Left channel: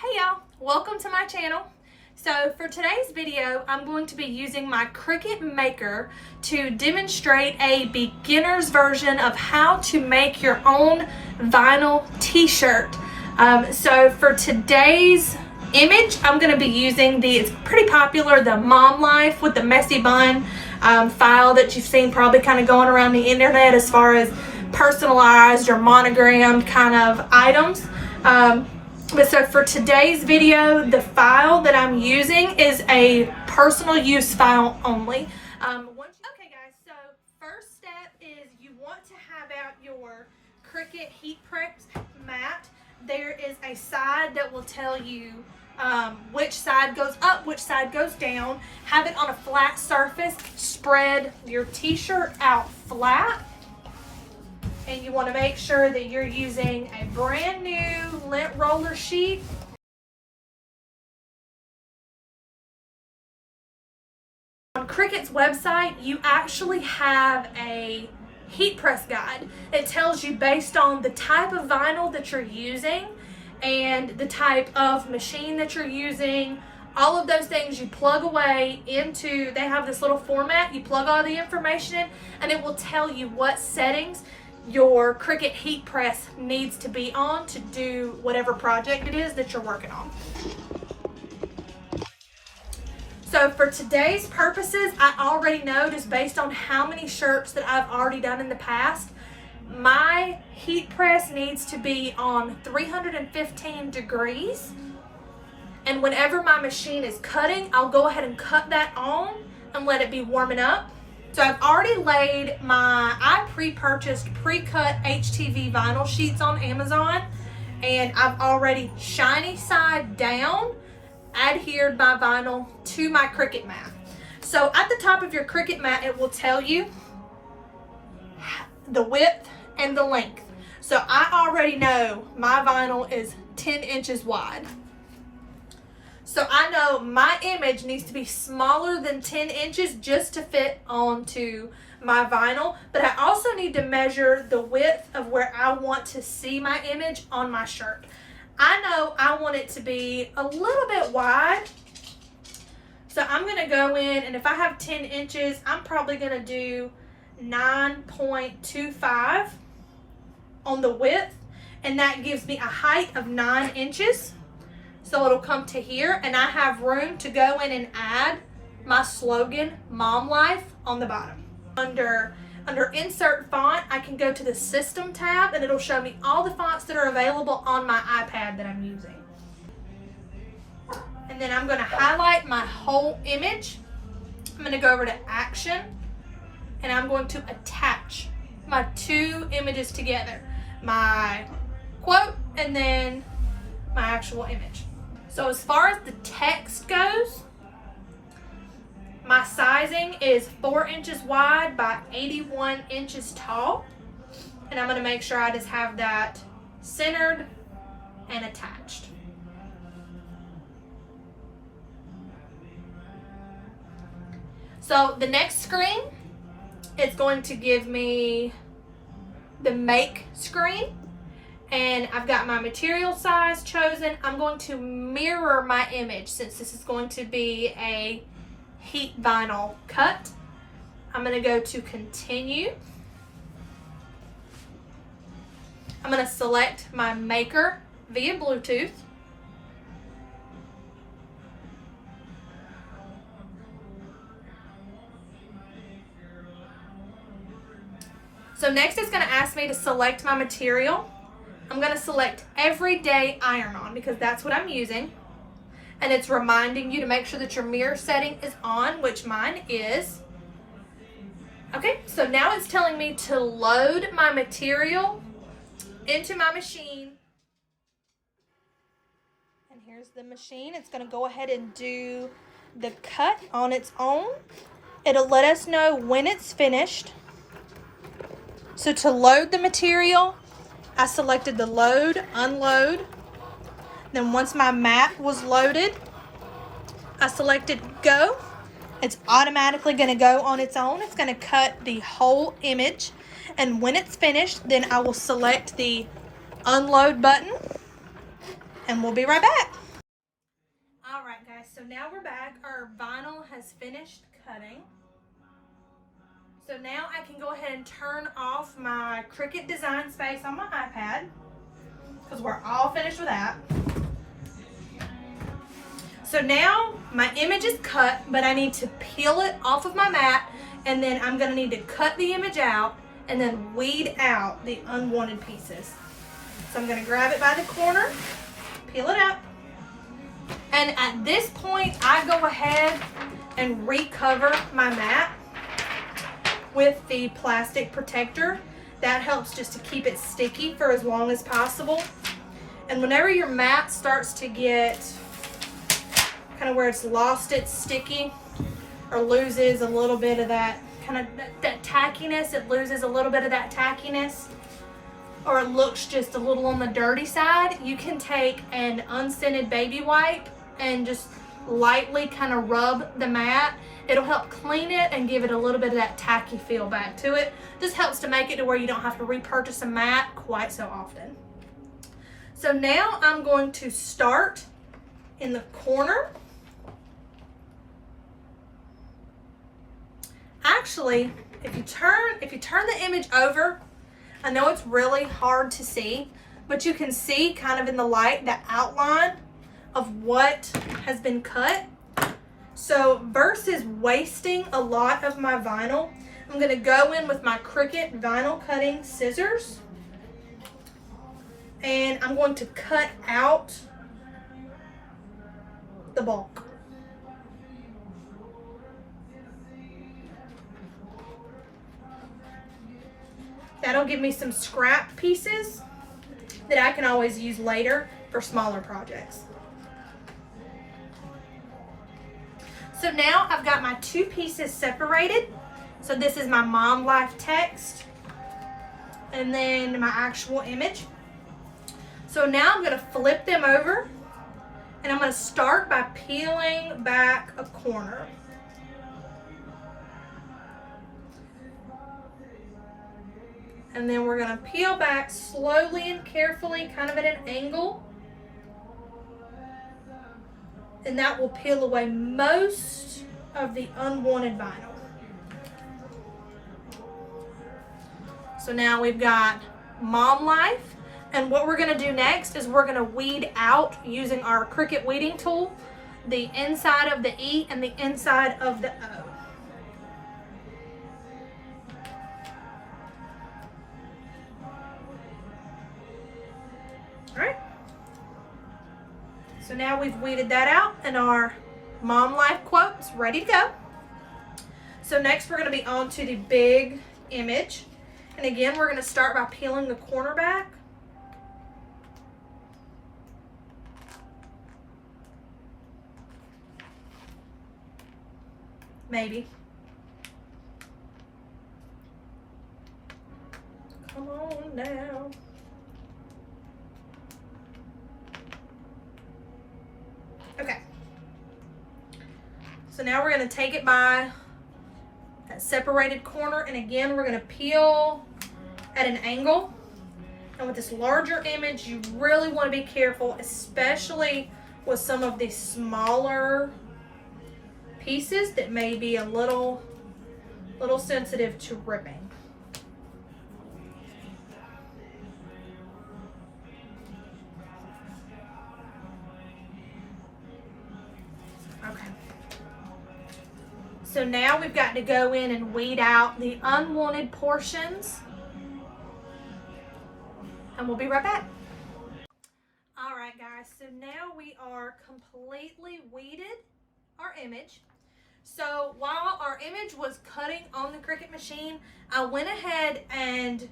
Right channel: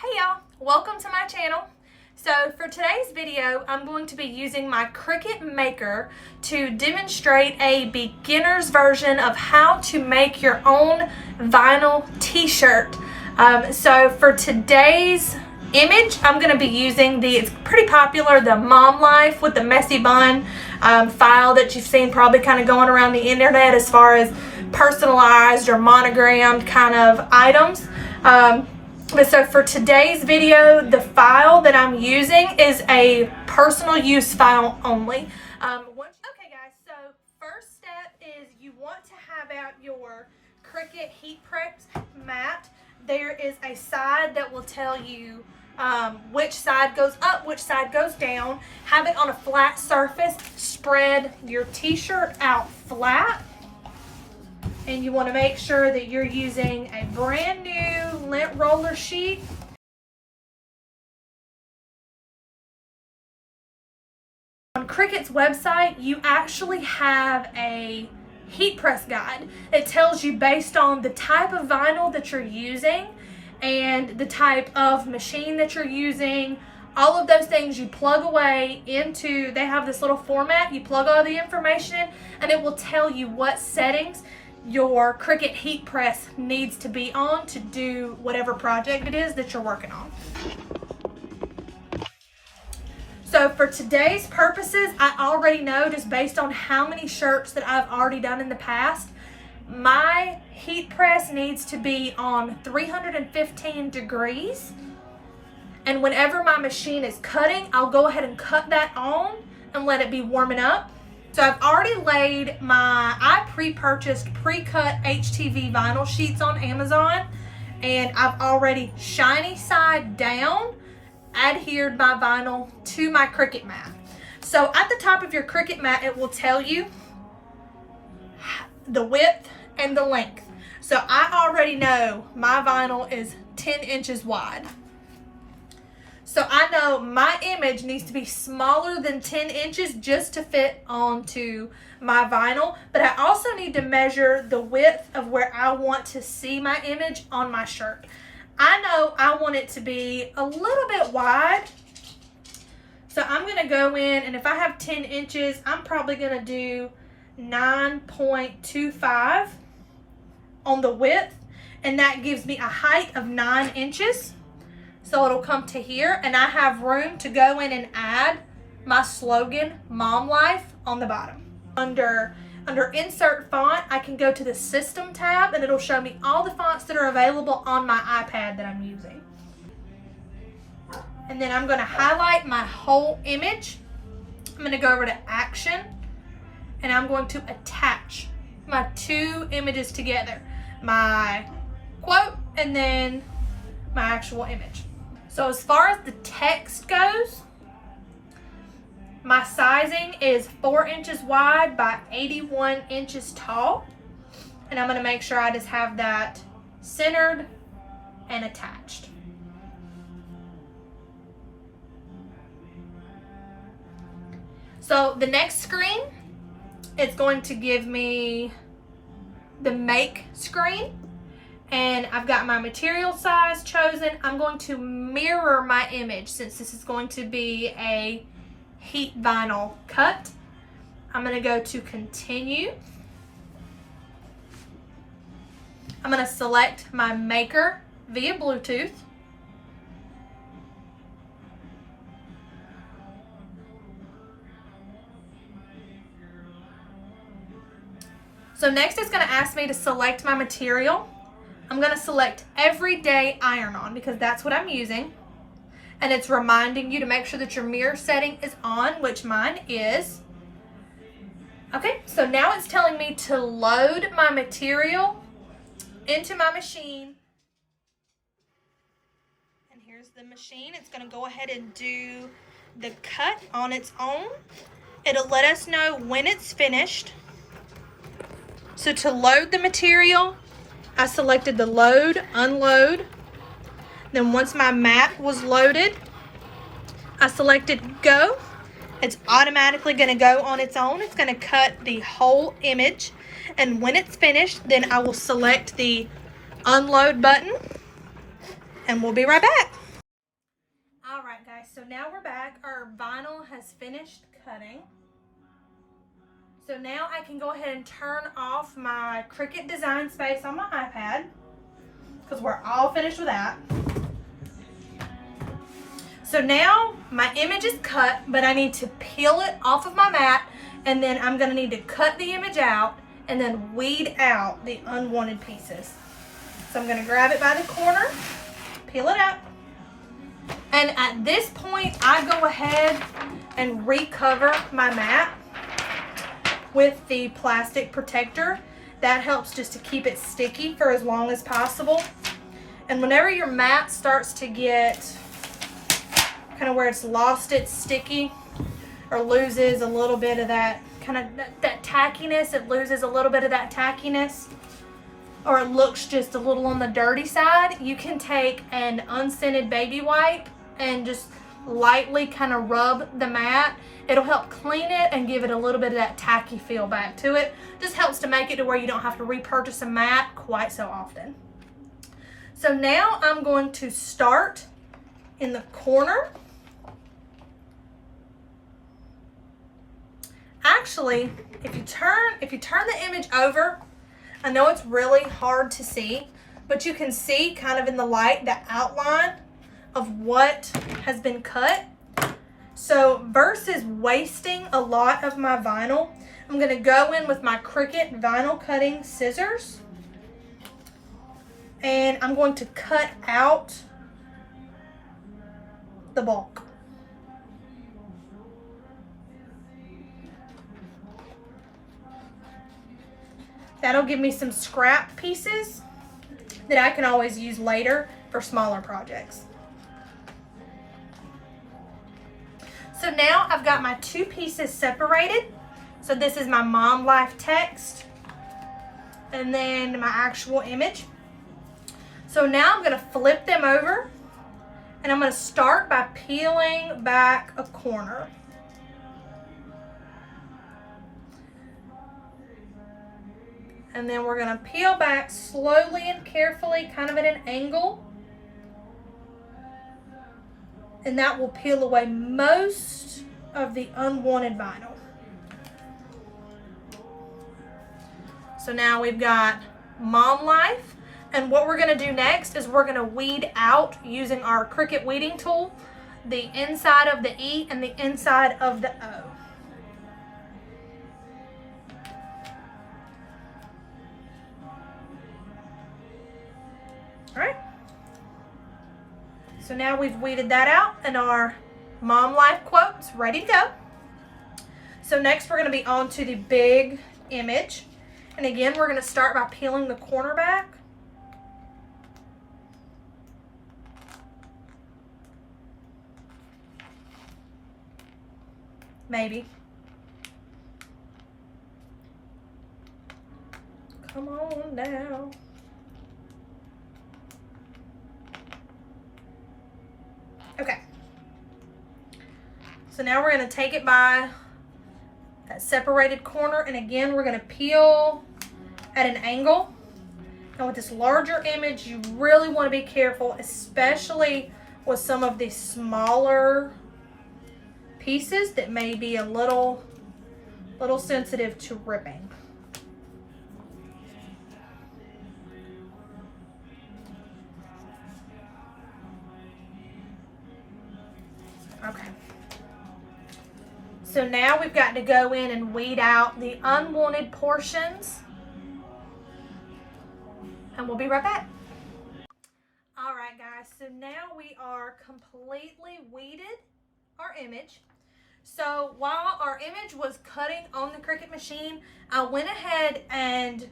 Hey y'all, welcome to my channel. So for today's video, I'm going to be using my Cricut Maker to demonstrate a beginner's version of how to make your own vinyl t-shirt. So for today's image, I'm going to be using it's pretty popular, the Mom Life with the messy bun file that you've seen probably kind of going around the internet as far as personalized or monogrammed kind of items. But so for today's video, the file that I'm using is a personal use file only. Okay guys, so first step is you want to have out your Cricut heat press mat. There is a side that will tell you which side goes up, which side goes down. Have it on a flat surface. Spread your t-shirt out flat. And you want to make sure that you're using a brand new lint roller sheet. On Cricut's website, you actually have a heat press guide. It tells you based on the type of vinyl that you're using and the type of machine that you're using, all of those things you plug away into, they have this little format, you plug all the information in, and it will tell you what settings your Cricut heat press needs to be on to do whatever project it is that you're working on. So for today's purposes, I already know just based on how many shirts that I've already done in the past, my heat press needs to be on 315 degrees. And whenever my machine is cutting, I'll go ahead and cut that on and let it be warming up. So I've already laid I pre-purchased pre-cut HTV vinyl sheets on Amazon, and I've already shiny side down adhered my vinyl to my Cricut mat. So at the top of your Cricut mat, it will tell you the width and the length. So I already know my vinyl is 10 inches wide. So I know my image needs to be smaller than 10 inches just to fit onto my vinyl, but I also need to measure the width of where I want to see my image on my shirt. I know I want it to be a little bit wide, so I'm going to go in, and if I have 10 inches, I'm probably going to do 9.25 on the width, and that gives me a height of 9 inches. So it'll come to here, and I have room to go in and add my slogan, Mom Life, on the bottom. Under Insert Font, I can go to the System tab, and it'll show me all the fonts that are available on my iPad that I'm using. And then I'm going to highlight my whole image. I'm going to go over to Action, and I'm going to attach my two images together. My quote, and then my actual image. So as far as the text goes, my sizing is 4 inches wide by 81 inches tall. And I'm going to make sure I just have that centered and attached. So the next screen is going to give me the make screen. And I've got my material size chosen. I'm going to mirror my image since this is going to be a heat vinyl cut. I'm going to go to continue. I'm going to select my maker via Bluetooth. So next it's going to ask me to select my material. I'm going to select Everyday Iron-On because that's what I'm using. And it's reminding you to make sure that your mirror setting is on, which mine is. Okay, so now it's telling me to load my material into my machine. And here's the machine. It's going to go ahead and do the cut on its own. It'll let us know when it's finished. So to load the material, I selected the load, unload. Then once my mat was loaded, I selected go. It's automatically going to go on its own. It's going to cut the whole image. And when it's finished, then I will select the unload button. And we'll be right back. So now we're back. Our vinyl has finished cutting. So now I can go ahead and turn off my Cricut Design Space on my iPad because we're all finished with that. So now my image is cut, but I need to peel it off of my mat, and then I'm going to need to cut the image out and then weed out the unwanted pieces. So I'm going to grab it by the corner, peel it up, and at this point I go ahead and recover my mat with the plastic protector. That helps just to keep it sticky for as long as possible. And whenever your mat starts to get kind of where it's lost its sticky or loses a little bit of that kind of that tackiness, it loses a little bit of that tackiness, or it looks just a little on the dirty side, you can take an unscented baby wipe and just lightly kind of rub the mat. It'll help clean it and give it a little bit of that tacky feel back to it. Just helps to make it to where you don't have to repurchase a mat quite so often. So now I'm going to start in the corner. Actually, if you turn the image over, I know it's really hard to see, but you can see kind of in the light the outline of what has been cut. So versus wasting a lot of my vinyl, I'm going to go in with my Cricut vinyl cutting scissors, and I'm going to cut out the bulk. That'll give me some scrap pieces that I can always use later for smaller projects. So now I've got my two pieces separated. So this is my mom life text and then my actual image. So now I'm gonna flip them over, and I'm gonna start by peeling back a corner. And then we're gonna peel back slowly and carefully, kind of at an angle. And that will peel away most of the unwanted vinyl. So now we've got mom life. And what we're gonna do next is we're gonna weed out, using our Cricut weeding tool, the inside of the E and the inside of the O. All right. So now we've weeded that out, and our mom life quote's ready to go. So next we're gonna be on to the big image. And again, we're gonna start by peeling the corner back. Maybe. Come on now. Okay. So now we're going to take it by that separated corner, and again we're going to peel at an angle. Now with this larger image, you really want to be careful, especially with some of the smaller pieces that may be a little sensitive to ripping. Okay. So now we've got to go in and weed out the unwanted portions, and we'll be right back. All right, guys, so now we are completely weeded our image. So while our image was cutting on the Cricut machine, I went ahead and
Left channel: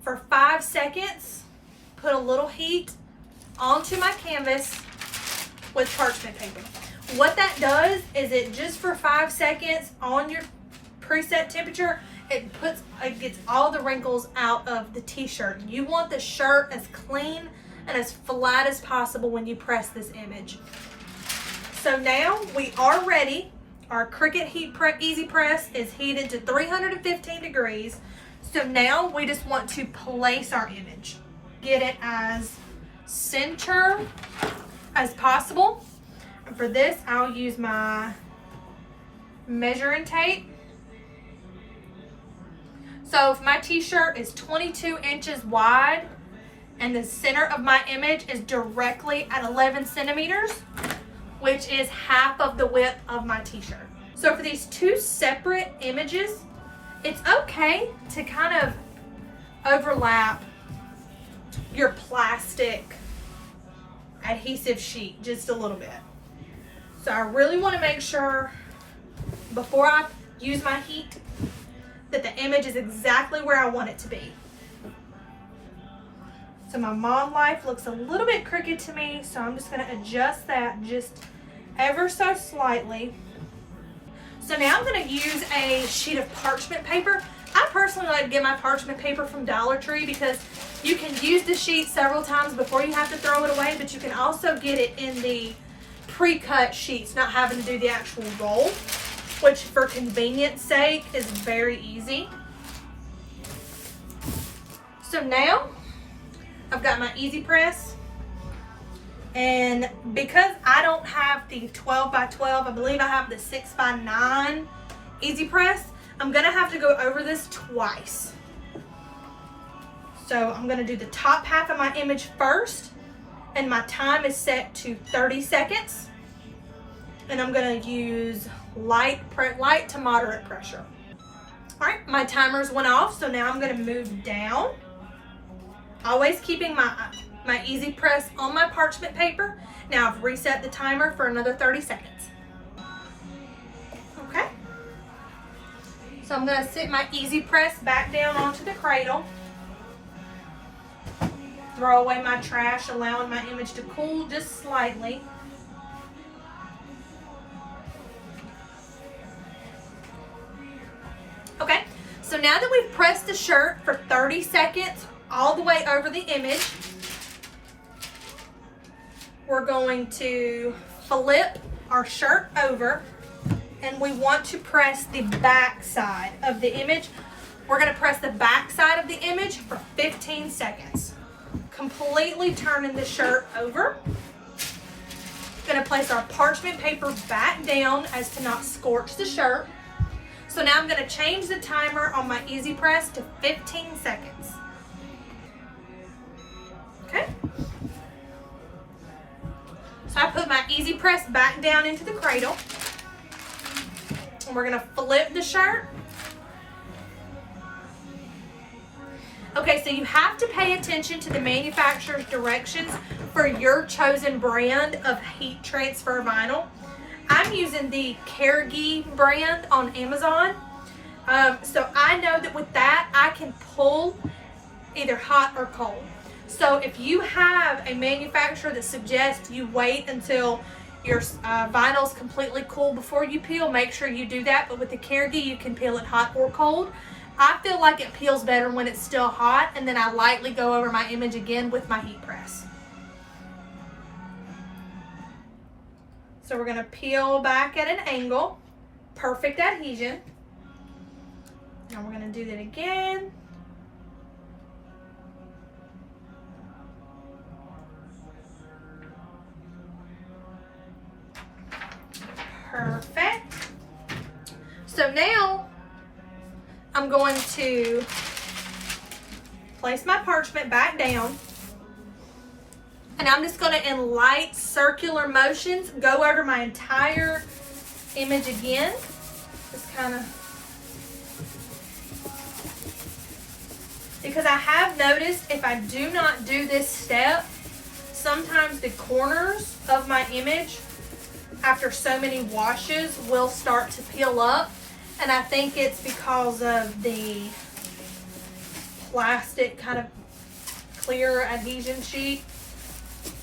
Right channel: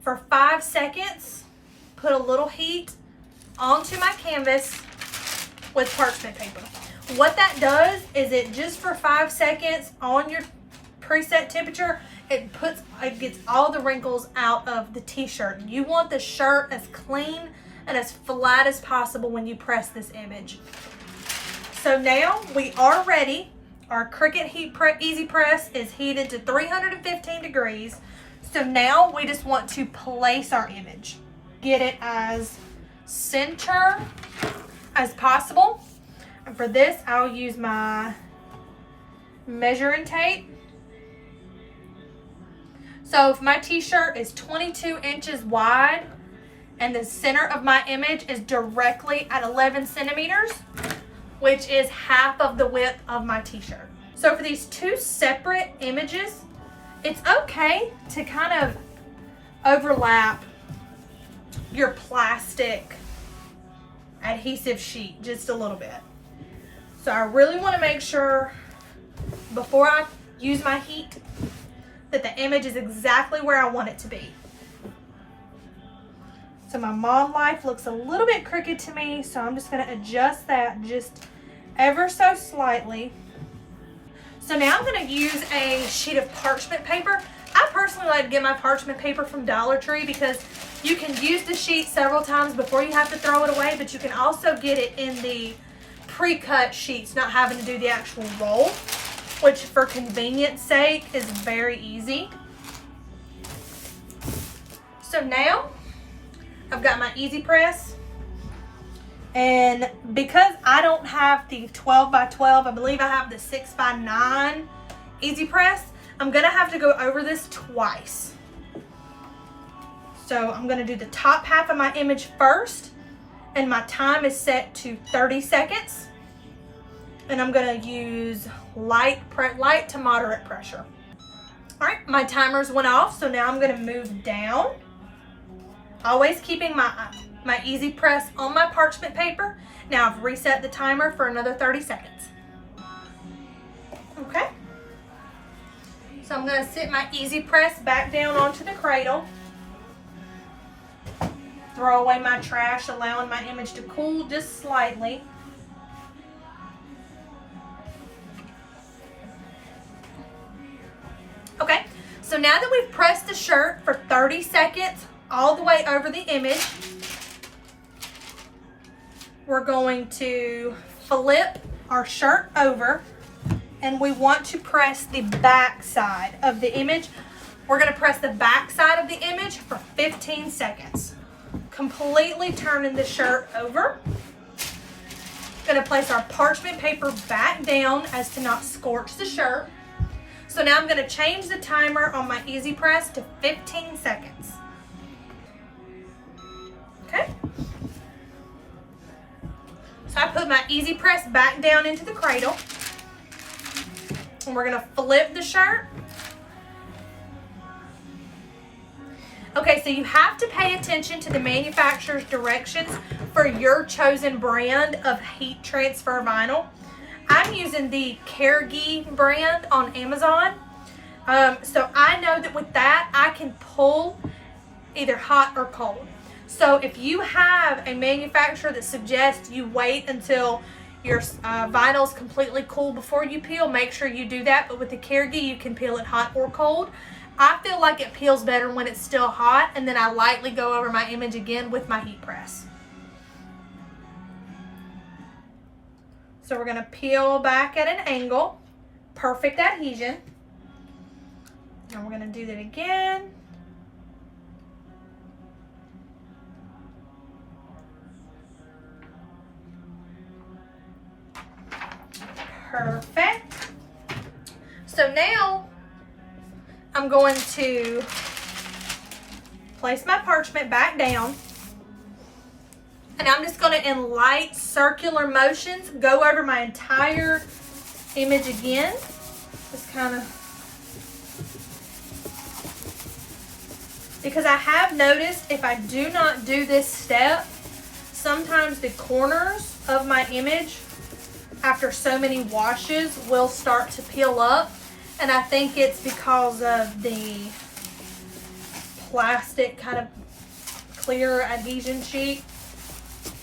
for 5 seconds put a little heat onto my canvas with parchment paper. What that does is it just for 5 seconds on your preset temperature, it gets all the wrinkles out of the t-shirt. You want the shirt as clean and as flat as possible when you press this image. So now we are ready. Our Cricut Easy Press is heated to 315 degrees. So now we just want to place our image. Get it as center as possible. And for this, I'll use my measuring tape. So if my t-shirt is 22 inches wide and the center of my image is directly at 11 centimeters, which is half of the width of my t-shirt. So for these two separate images, it's okay to kind of overlap your plastic adhesive sheet just a little bit. So I really want to make sure before I use my heat that the image is exactly where I want it to be. So my mom life looks a little bit crooked to me, so I'm just going to adjust that just ever so slightly. So now I'm going to use a sheet of parchment paper. I personally like to get my parchment paper from Dollar Tree because you can use the sheet several times before you have to throw it away, but you can also get it in the pre-cut sheets, not having to do the actual roll, which for convenience sake is very easy. So now I've got my easy press, and because I don't have the 12 by 12, I believe I have the 6 by 9 easy press, I'm gonna have to go over this twice. So I'm gonna do the top half of my image first, and my time is set to 30 seconds. And I'm gonna use light to moderate pressure. All right, my timers went off, so now I'm gonna move down. Always keeping my easy press on my parchment paper. Now I've reset the timer for another 30 seconds. Okay. So I'm gonna sit my easy press back down onto the cradle. Throw away my trash, allowing my image to cool just slightly. Okay, so now that we've pressed the shirt for 30 seconds all the way over the image, we're going to flip our shirt over, and we want to press the back side of the image. We're going to press the back side of the image for 15 seconds. Completely turning the shirt over. Going to place our parchment paper back down as to not scorch the shirt. So now I'm going to change the timer on my easy press to 15 seconds. Okay. So I put my easy press back down into the cradle. And we're going to flip the shirt. Okay, so you have to pay attention to the manufacturer's directions for your chosen brand of heat transfer vinyl. I'm using the Cargi brand on Amazon. So I know that with that, I can pull either hot or cold. So if you have a manufacturer that suggests you wait until your vinyl's completely cool before you peel, make sure you do that. But with the Cargi, you can peel it hot or cold. I feel like it peels better when it's still hot, and then I lightly go over my image again with my heat press. So we're gonna peel back at an angle, perfect adhesion. And we're gonna do that again. Perfect. So now I'm going to place my parchment back down, and I'm just going to, in light circular motions, go over my entire image again. Just kind of, because I have noticed if I do not do this step, sometimes the corners of my image after so many washes will start to peel up, and I think it's because of the plastic kind of clear adhesion sheet.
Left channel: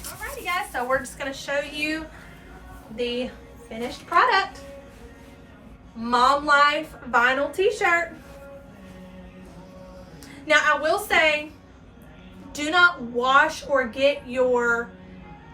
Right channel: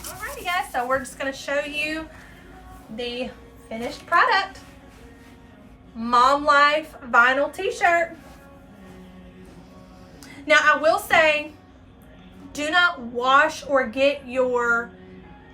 Alrighty guys, so we're just going to show you the finished product. Mom Life vinyl t-shirt. Now I will say, do not wash or get your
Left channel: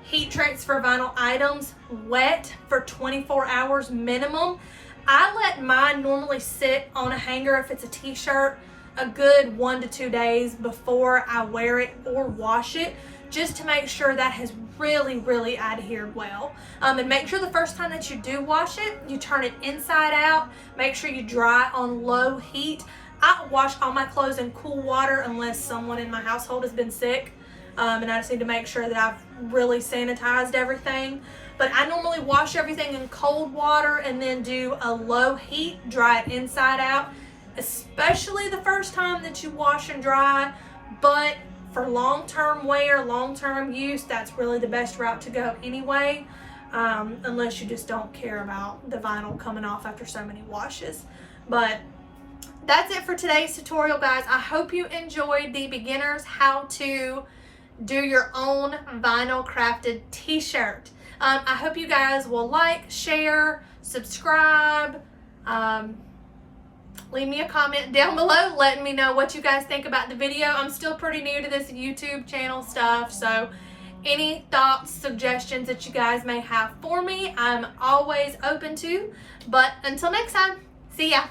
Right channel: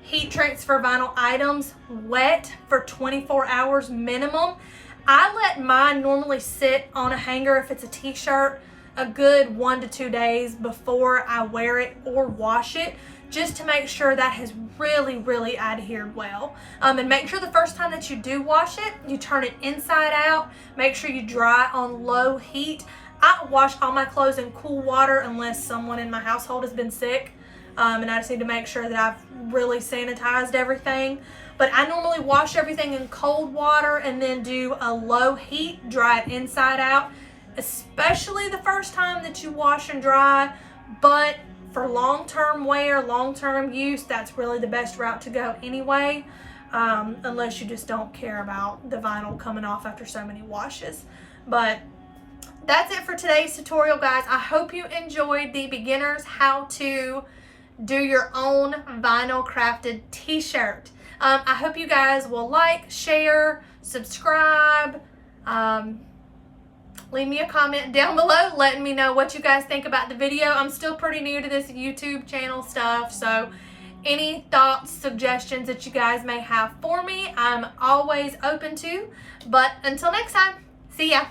heat transfer vinyl items wet for 24 hours minimum. I let mine normally sit on a hanger if it's a t-shirt a good 1 to 2 days before I wear it or wash it, just to make sure that has really adhered well. And make sure the first time that you do wash it, you turn it inside out. Make sure you dry on low heat. I wash all my clothes in cool water unless someone in my household has been sick. And I just need to make sure that I've really sanitized everything. But I normally wash everything in cold water and then do a low heat, dry it inside out, especially the first time that you wash and dry. But for long-term wear, long-term use, that's really the best route to go anyway, unless you just don't care about the vinyl coming off after so many washes. But that's it for today's tutorial, guys. I hope you enjoyed the beginner's how to do your own vinyl crafted t-shirt. I hope you guys will like, share, subscribe, leave me a comment down below letting me know what you guys think about the video. I'm still pretty new to this YouTube channel stuff, so any thoughts, suggestions that you guys may have for me, I'm always open to. But until next time, see ya.